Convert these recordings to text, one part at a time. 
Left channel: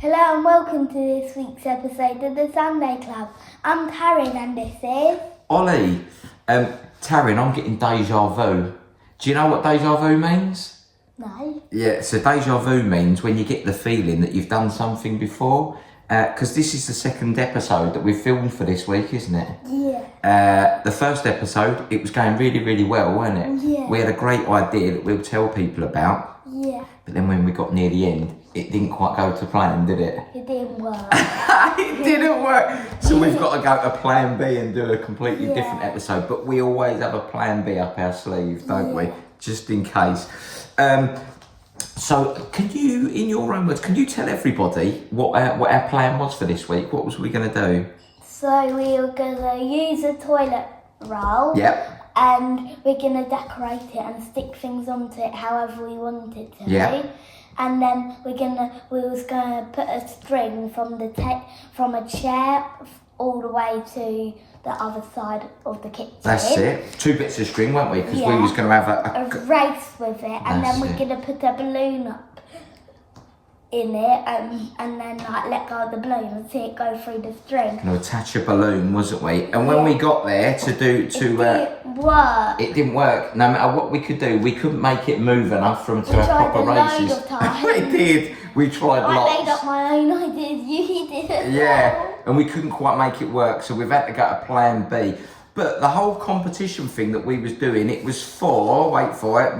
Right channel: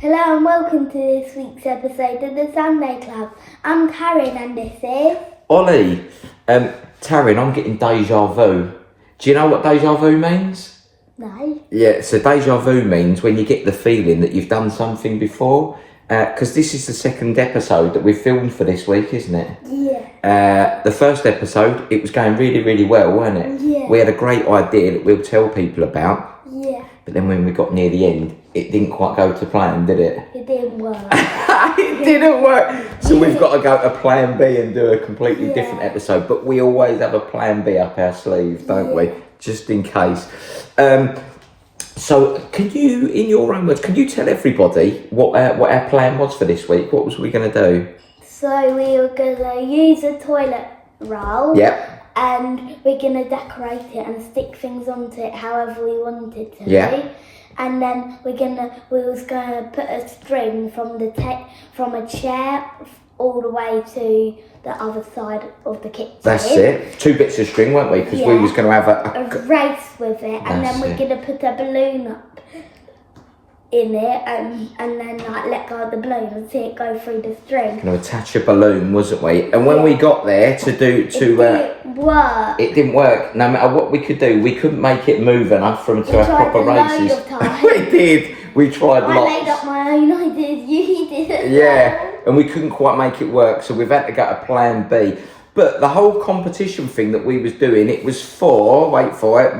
Hello and welcome to this week's episode of the Sunday Club. I'm Taryn and this is... Ollie. Taryn, I'm getting deja vu. Do you know what deja vu means? No. Yeah, so deja vu means when you get the feeling that you've done something before. Because this is the second episode that we've filmed for this week, isn't it? Yeah. The first episode, it was going really, really well, wasn't it? Yeah. We had a great idea that we'll tell people about. Yeah. But then when we got near the end, it didn't quite go to plan, did it? It didn't work. It didn't work. So we've got to go to plan B and do a completely different episode. But we always have a plan B up our sleeve, don't we? Just in case. So can you, in your own words, can you tell everybody what our plan was for this week? What was we going to do? So we were going to use a toilet roll. Yep. And we're going to decorate it and stick things onto it however we wanted to. Yeah. And then we was going to put a string from a chair all the way to the other side of the kitchen. That's it. 2 bits of string, weren't we? Because we was going to have a race with it, and then we're going to put a balloon up in it, and then like let go of the balloon and see it go through the string. Going to attach a balloon, wasn't we? And when we got there it didn't work. It didn't work. No matter what we could do, we couldn't make it move enough for to have proper races. We did. We tried lots. I laid up my own ideas. You did. Yeah, and we couldn't quite make it work, so we've had to go to plan B. But the whole competition thing that we was doing, it was for, wait for it,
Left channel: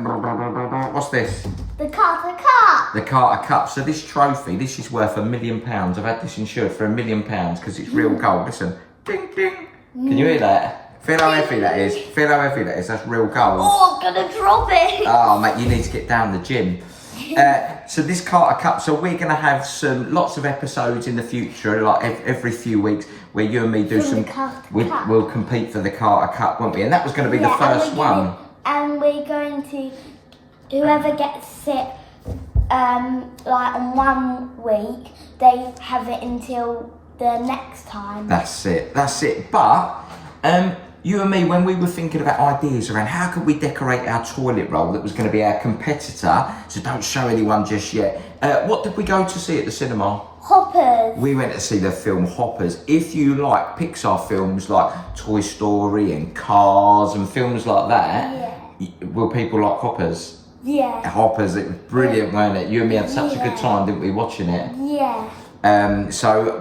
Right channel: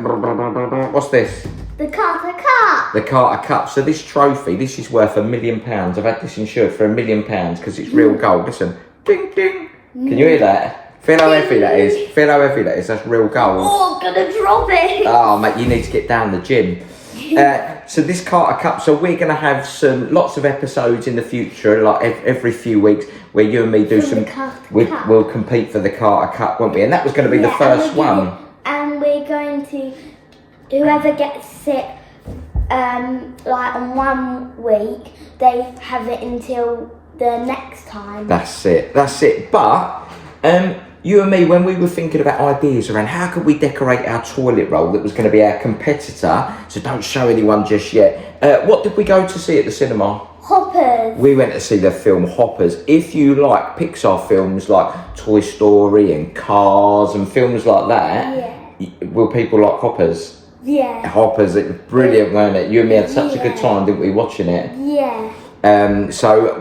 what's this? The Carter Cup. The Carter Cup. So this trophy, this is worth £1 million. I've had this insured for £1 million because it's real gold. Listen, ding, ding. Can you hear that? Feel how heavy that is. Feel how heavy that is. That's real gold. Oh, I'm going to drop it. Oh, mate, you need to get down the gym. So this Carter Cup, so we're going to have lots of episodes in the future, like every few weeks, where you and me do we'll compete for the Carter Cup, won't we? And that was going to be the first one. And we're going to, whoever gets it, like on 1 week, they have it until the next time. That's it. But, you and me, when we were thinking about ideas around how could we decorate our toilet roll that was going to be our competitor, so don't show anyone just yet. What did we go to see at the cinema? Hoppers. We went to see the film Hoppers. If you like Pixar films like Toy Story and Cars and films like that, will people like Hoppers? Yeah. Hoppers, it was brilliant, wasn't it? You and me had such a good time, didn't we, watching it? Yeah. So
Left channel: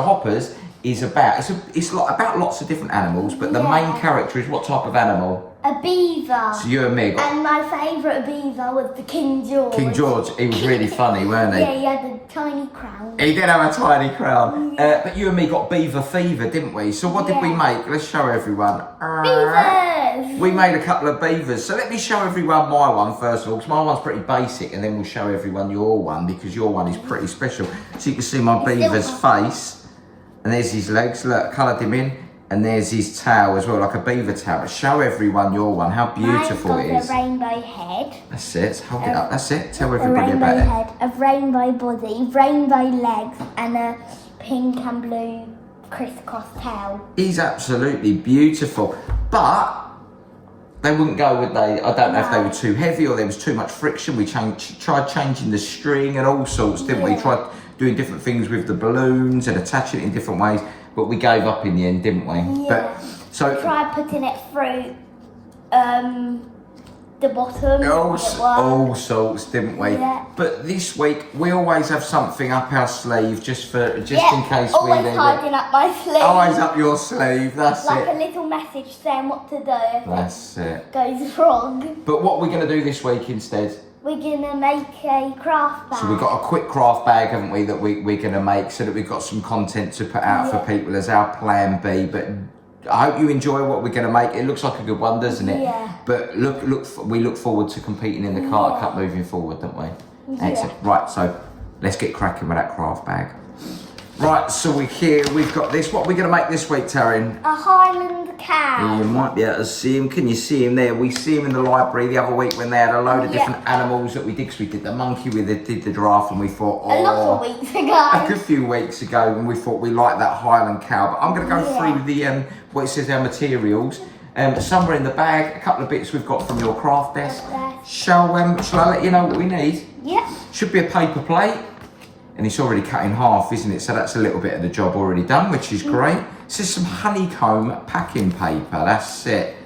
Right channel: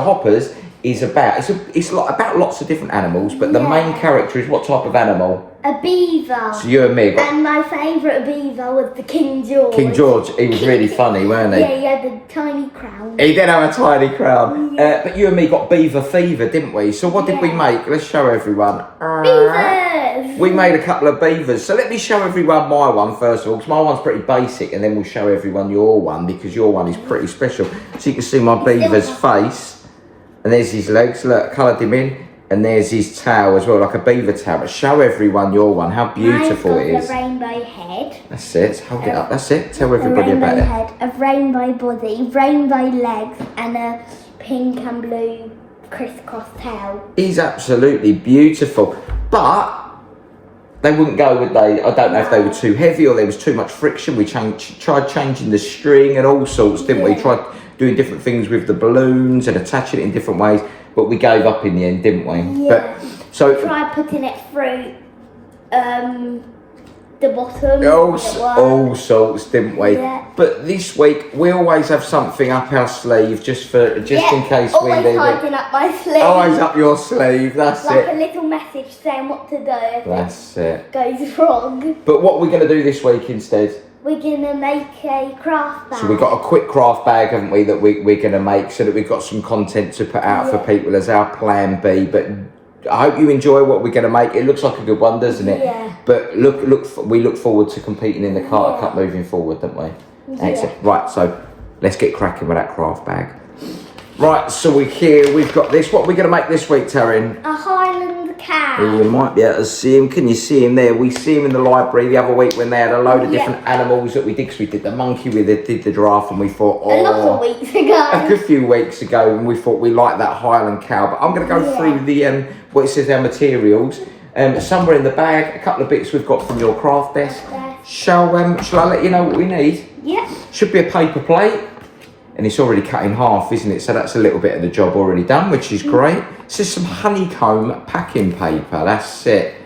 Hoppers is about about lots of different animals, but the main character is what type of animal? A beaver. So you and me and my favourite beaver was the King George. King George, he was really funny, weren't he? Yeah, he had a tiny crown. He did have a tiny crown. But you and me got beaver fever, didn't we? So what did we make? Let's show everyone. Beavers! We made a couple of beavers. So let me show everyone my one first of all, because my one's pretty basic, and then we'll show everyone your one, because your one is pretty special. So you can see my beaver's face. And there's his legs, look, coloured him in. And there's his tail as well, like a beaver tail. But show everyone your one, how beautiful it is. A rainbow head. That's it, hold it up, that's it. Tell everybody about it. A rainbow head, a rainbow body, rainbow legs, and a pink and blue crisscross tail. He's absolutely beautiful. But they wouldn't go, would they? I don't know if they were too heavy or there was too much friction. We tried changing the string and all sorts, didn't we? Tried doing different things with the balloons and attaching it in different ways, but we gave up in the end, didn't we? Yeah. But so we tried putting it through the bottom. All sorts, didn't we? Yeah. But this week we always have something up our sleeve just in case we need it. Always up my sleeve. Always up your sleeve. That's like it. Like a little message saying what to do. That's it. Goes wrong. But what we're going to do this week instead? We're going to make a craft bag. So we've got a quick craft bag, haven't we, that we're going to make so that we've got some content to put out for people as our plan B. But I hope you enjoy what we're going to make. It looks like a good one, doesn't it? Yeah. But we look forward to competing in the Carter Cup moving forward, don't we? Excellent. Right, so let's get cracking with that craft bag. Right, so we've got this. What are we going to make this week, Taryn? A Highland cow. You might be able to see him. Can you see him there? We see him in the library the other week when they had a load of different animals that we did. Because we did the monkey, did the giraffe, and we thought, a lot of weeks ago. A good few weeks ago, and we thought we liked that Highland cow. But I'm going to go through the what it says our materials. Somewhere in the bag, a couple of bits we've got from your craft desk. Shall I let you know what we need? Yeah. Should be a paper plate. and it's already cut in half, isn't it? So that's a little bit of the job already done, which is great. This is some honeycomb packing paper. That's it.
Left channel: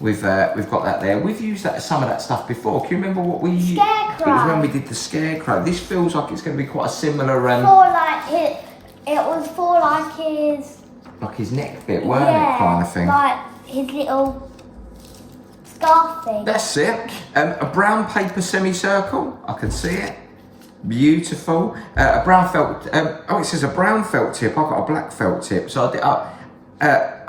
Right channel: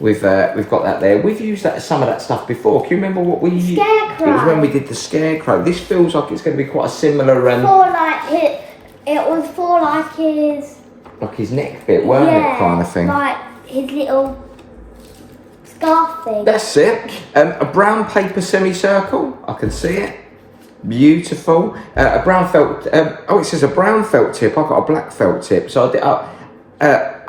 We've got that there. We've used some of that stuff before. Can you remember what we used? Scarecrow. It was when we did the scarecrow. This feels like it's going to be quite a similar. It was for like his neck bit, weren't it, kind of thing? Like his little scarf thing. That's it. A brown paper semicircle. I can see it. Beautiful. A brown felt. It says a brown felt tip. I've got a black felt tip. So I did.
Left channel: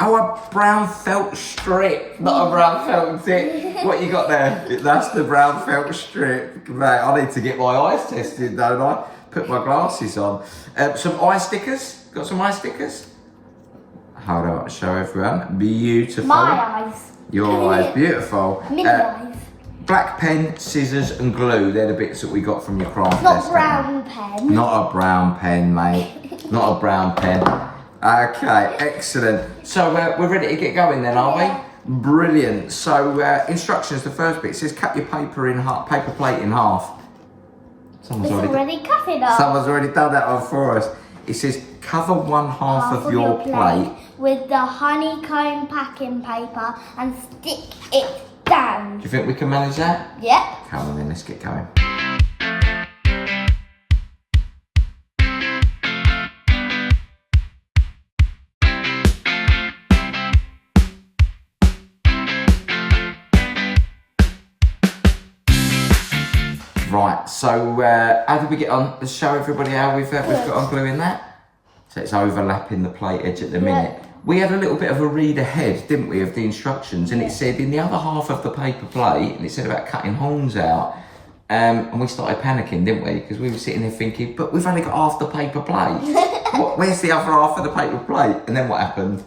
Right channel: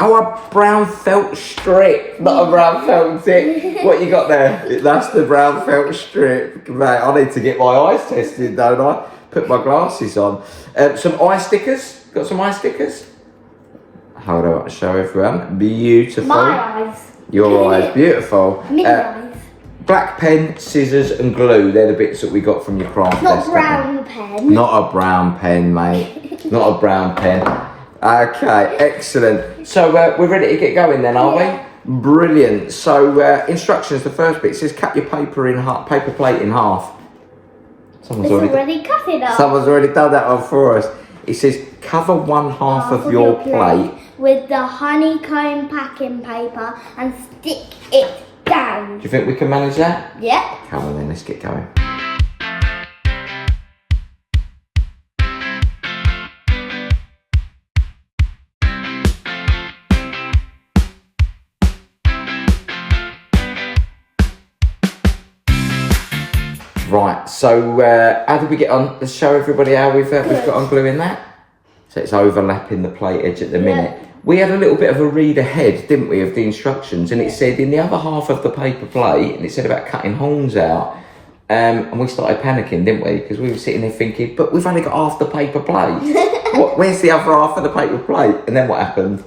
A brown felt strip, not a brown felt tip. What you got there? That's the brown felt strip. Mate, I need to get my eyes tested, don't I? Put my glasses on. Some eye stickers. Got some eye stickers? Hold on, I'll show everyone. Beautiful. My eyes. Your eyes, beautiful. Me eyes. Black pen, scissors and glue. They're the bits that we got from your craft Not desk. brown pen. Not a brown pen, mate. Not a brown pen. Okay, excellent. So we're ready to get going then, are we? Brilliant. So instructions, the first bit, it says cut your paper plate in half. Someone's already cut it up. Someone's already done that one for us. It says cover one half of your plate with the honeycomb packing paper and stick it down. Do you think we can manage that? Yep. Come on then, let's get going. Right, so how did we get on? Let's show everybody how we've got on gluing that. So it's overlapping the plate edge at the minute. We had a little bit of a read ahead, didn't we, of the instructions, and it said in the other half of the paper plate, and it said about cutting horns out, and we started panicking, didn't we? Because we were sitting there thinking, but we've only got half the paper plate. Where's the other half of the paper plate? And then what happened?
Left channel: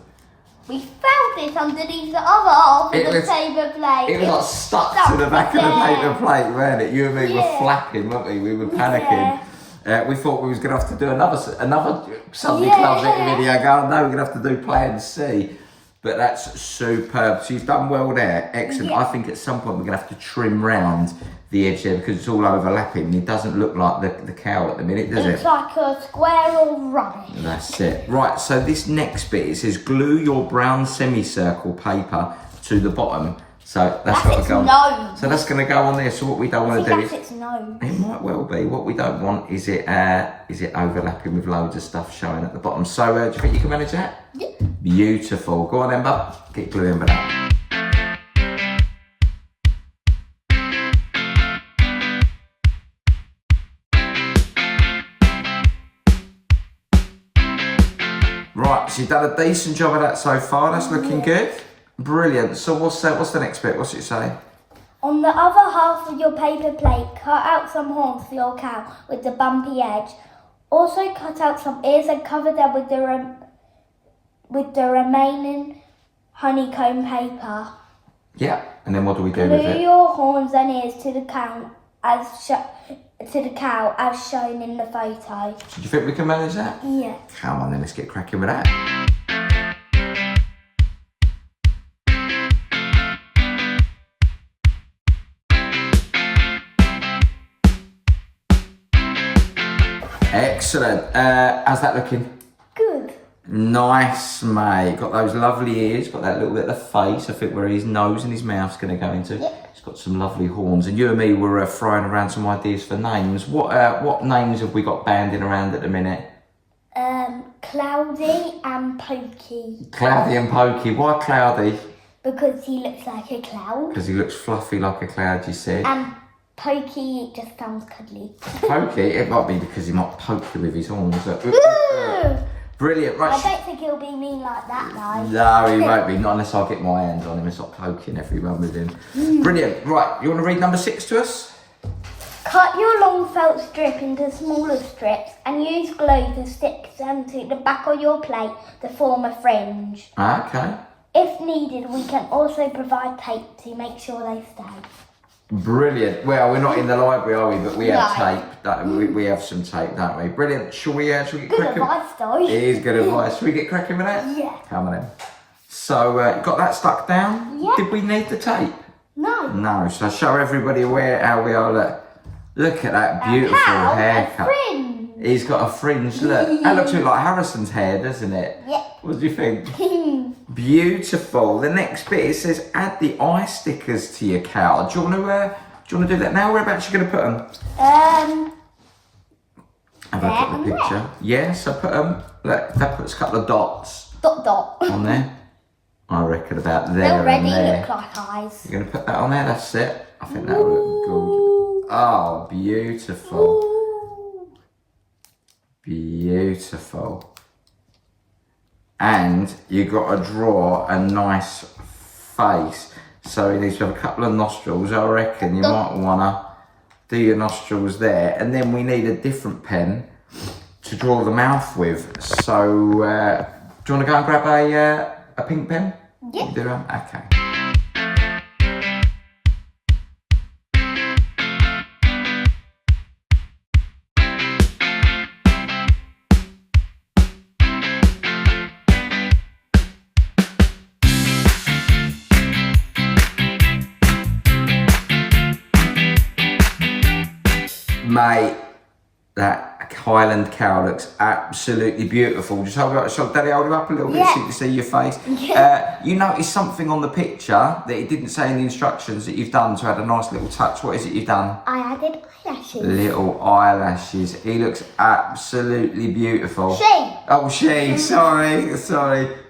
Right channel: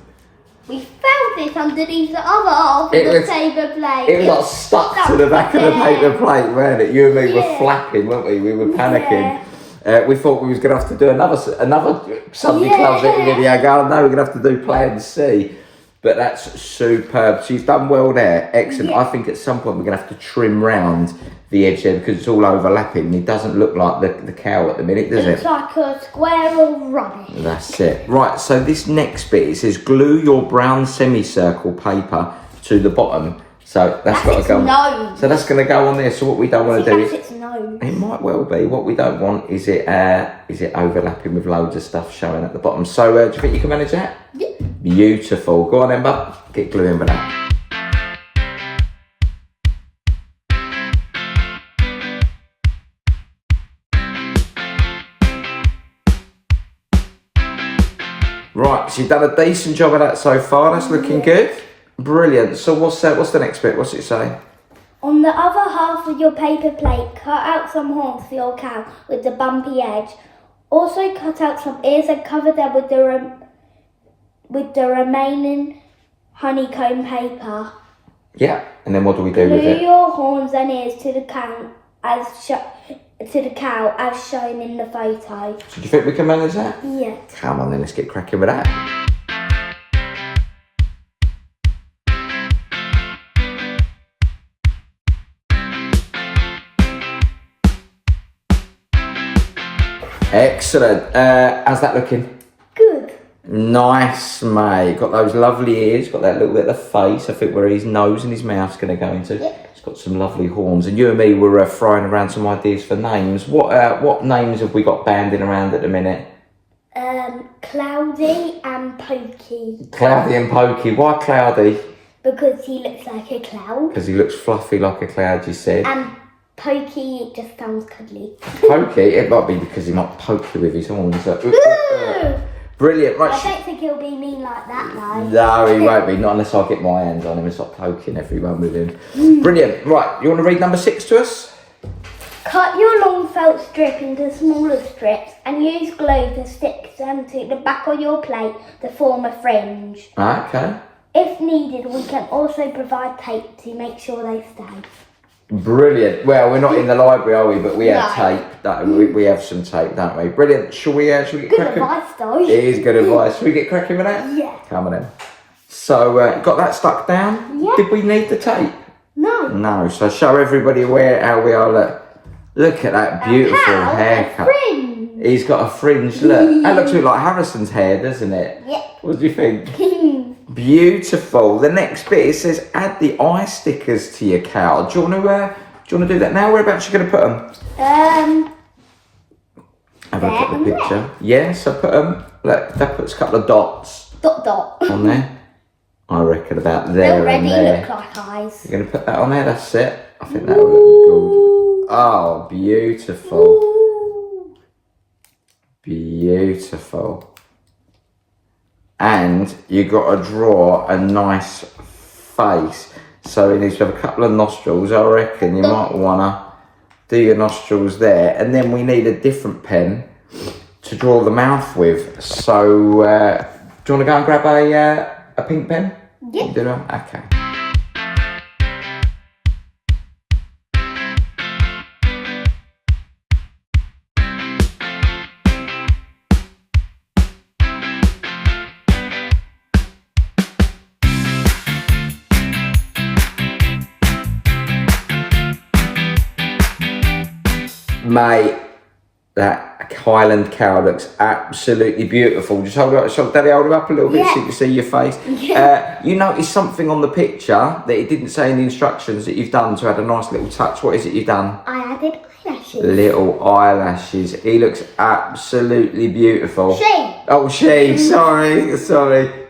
We found it underneath the other half of the paper plate. It was like stuck to the back of the paper plate, weren't it? You and me were flapping, weren't we? We were panicking. We thought we was going to have to do another Sunday Club video. Go, no, we're going to have to do Plan C. But that's superb. So you've done well there. Excellent. Yeah. I think at some point we're going to have to trim round the edge there because it's all overlapping. It doesn't look like the cow at the minute, does it? It's like a square of rubbish. That's it. Right, so this next bit, it says glue your brown semicircle paper to the bottom. So that's got to go. Nose. So that's going to go on there. So what we don't want to do is its nose. It might well be. What we don't want is it overlapping with loads of stuff showing at the bottom. So do you think you can manage that? Yeah. Beautiful. Go on then, bub. Get gluing with that. Right, so you've done a decent job of that so far. That's looking good. Brilliant. So what's the next bit? What's it say? On the other half of your paper plate, cut out some horns for your cow with the bumpy edge. Also cut out some ears and cover them with the remaining honeycomb paper. Yeah, and then what do we do with it? Glue your horns and ears to the cow as shown in the photo. So do you think we can manage that? Yeah. Come on then, let's get cracking with that. Excellent. How's that looking? Good. Nice, mate. Got those lovely ears. Got that little bit of the face. I think where his nose and his mouth's going to go into. Yep. It's got some lovely horns. And you and me were throwing around some ideas for names. What names have we got banding around at the minute? Cloudy and Pokey. Cloudy and Pokey. Why Cloudy? Because he looks like a cloud. Because he looks fluffy like a cloud, you said. And Pokey just sounds cuddly. Pokey? It might be because he might poke you with his horns. Brilliant. Right. I don't think he'll be mean like that, though. No, he won't be. Not unless I get my hands on him and start poking everyone with him. Brilliant. Right, you want to read number 6 to us? Cut your long felt strip into smaller strips and use glue to stick them to the back of your plate to form a fringe. Okay. If needed, we can also provide tape to make sure they stay. Brilliant. Well, we're not in the library, are we? But we have tape. We have some tape, don't we? Brilliant. Shall we get good cracking? Good advice, though. It is good advice. Shall we get cracking with that? Yeah. Come on then. So, got that stuck down? Yeah. Did we need the tape? No. No. So show everybody how we are. Look at that beautiful haircut. Fringe. He's got a fringe. Look, that looks a bit like Harrison's hair, doesn't it? Yep. What do you think? Beautiful. The next bit, it says add the eye stickers to your cow. Do you want to do that now? Whereabouts are you going to put them? Have a look at the picture. Yeah, so put them. Look, that puts a couple of dots. Dot. On there. I reckon about there and there. They already look like eyes. You're going to put that on there? That's it. I think that will look good. Oh, beautiful. Ooh. Beautiful. And you got to draw a nice face. So you need to have a couple of nostrils. I reckon you might want to do your nostrils there. And then we need a different pen to draw the mouth with. So do you want to go and grab a pink pen? Yeah. You do that? Okay. Mate, that Highland cow looks absolutely beautiful. Just hold it up, Daddy, hold it up a little bit so you can see your face. Yeah. You notice something on the picture that it didn't say in the instructions that you've done to add a nice little touch. What is it you've done? I added eyelashes. Little eyelashes. He looks absolutely beautiful. She. Oh, she. Sorry.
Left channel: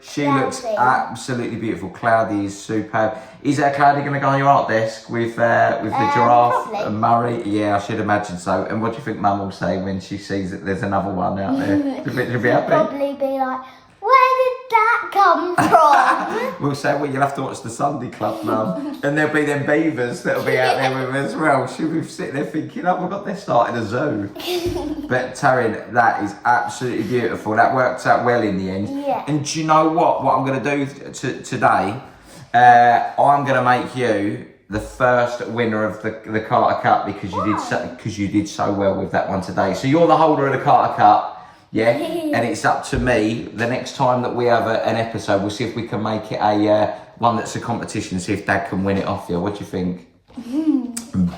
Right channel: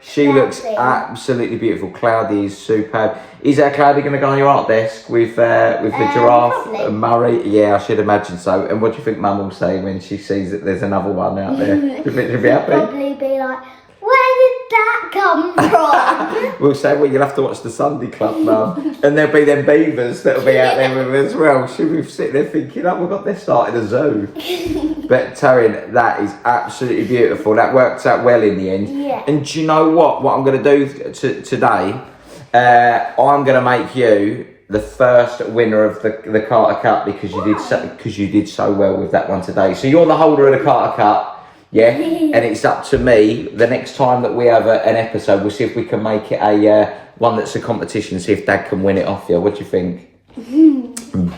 She Cloudy. looks absolutely beautiful. Cloudy is superb. Is Cloudy going to go on your art desk with the giraffe probably. and Murray? Yeah, I should imagine so. And what do you think Mum will say when she sees that there's another one out there? Do you think she'll be happy? Probably be like, where did that come from? We'll say, well, you'll have to watch the Sunday Club, Mum. And there'll be them beavers that'll be out there with her as well. She'll be sitting there thinking, oh, we've got this started a zoo. But Taryn, that is absolutely beautiful. That works out well in the end. Yeah. And do you know what? What I'm going to do today, I'm going to make you the first winner of the Carter Cup because you did so well with that one today. So you're the holder of the Carter Cup. Yeah, and it's up to me. The next time that we have an episode, we'll see if we can make it a one that's a competition. See if Dad can win it off you. What do you think?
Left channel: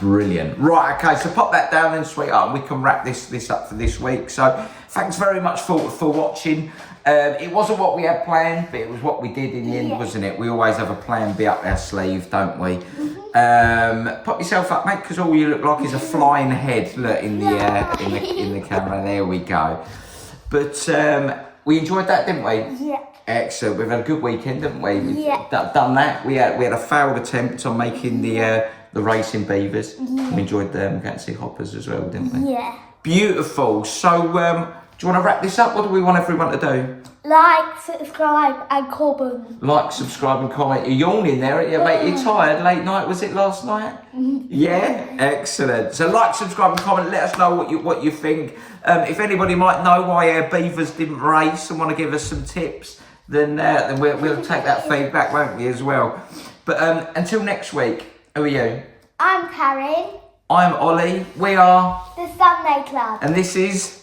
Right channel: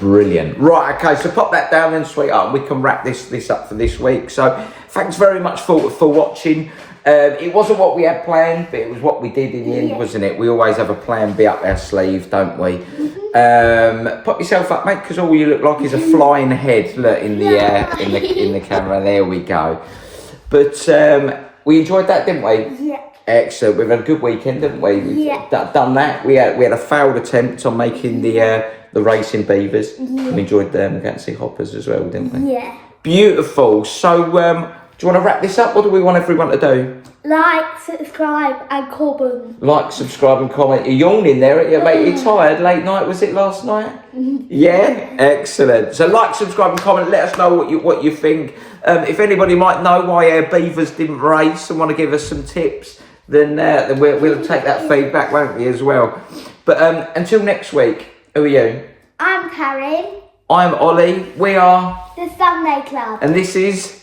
Brilliant. Right, okay. So pop that down then, sweetheart. We can wrap this up for this week. So thanks very much for watching. It wasn't what we had planned, but it was what we did in the end, wasn't it? We always have a plan B up our sleeve, don't we? Pop yourself up, mate, because all you look like is a flying head. Look in the camera. There we go. But we enjoyed that, didn't we? Yeah. Excellent. We've had a good weekend, didn't we? We've done that. We had a failed attempt on making the racing beavers. We enjoyed them. Going to see hoppers as well, didn't we? Yeah. Beautiful. So, do you want to wrap this up? What do we want everyone to do? Like, subscribe, and comment. Like, subscribe, and comment. You're yawning there, aren't you, mate? You're tired. Late night, was it last night? Yeah? Excellent. So like, subscribe, and comment. Let us know what you think. If anybody might know why our beavers didn't race and want to give us some tips, then we'll take that feedback, won't we, as well? But until next week, who are you? I'm Taryn. I'm Ollie. We are... The Sunday Club. And this is...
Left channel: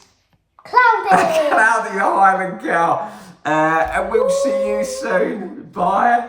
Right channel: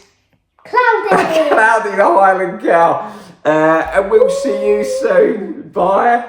Cloudy. Cloudy the Highland Cow. And we'll see you soon. Bye.